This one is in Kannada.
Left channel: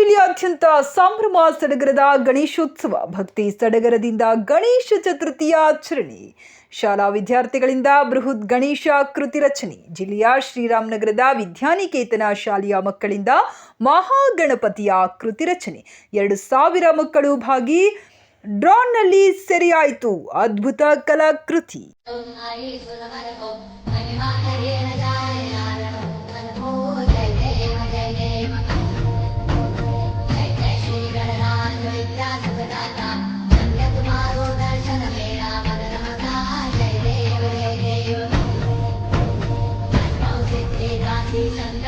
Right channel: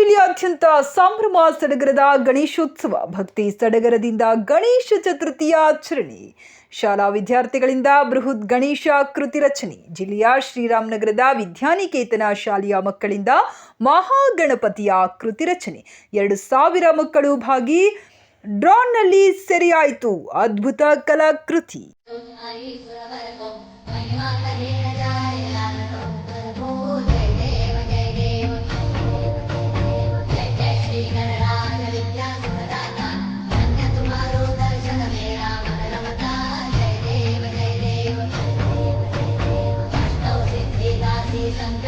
ಅತ್ಯಂತ ಸಂಭ್ರಮ ಸಡಗರದ ಗಣೇಶೋತ್ಸವ, ಭಕ್ತಿ ಸಡಗರದಿಂದ ಗಣೇಶ ಚತುರ್ಥಿಯ ಆಚರಣೆ. ಶಾಲಾ ವಿದ್ಯಾರ್ಥಿಗಳಿಂದ ಬೃಹತ್ ಗಣೇಶ ಕೃತಿ ರಚನೆ. ಜಿಲ್ಲೆಯ ಶ್ರೀರಾಮನಗರದ ವಿದ್ಯಾನಿಕೇತನ ಶಾಲೆಯ ಮಕ್ಕಳಿಂದ ಮಹಾಗಣಪತಿಯ ಕೃತಿ ರಚನೆ. ಎರಡು ಸಾವಿರ ಮಕ್ಕಳು ಭಾಗಿ ಡ್ರಾನ್ನಲ್ಲಿ ಸೆರೆಯಾಯಿತು. ಅದ್ಭುತ ಕಲಾಕೃತಿ. Thank you.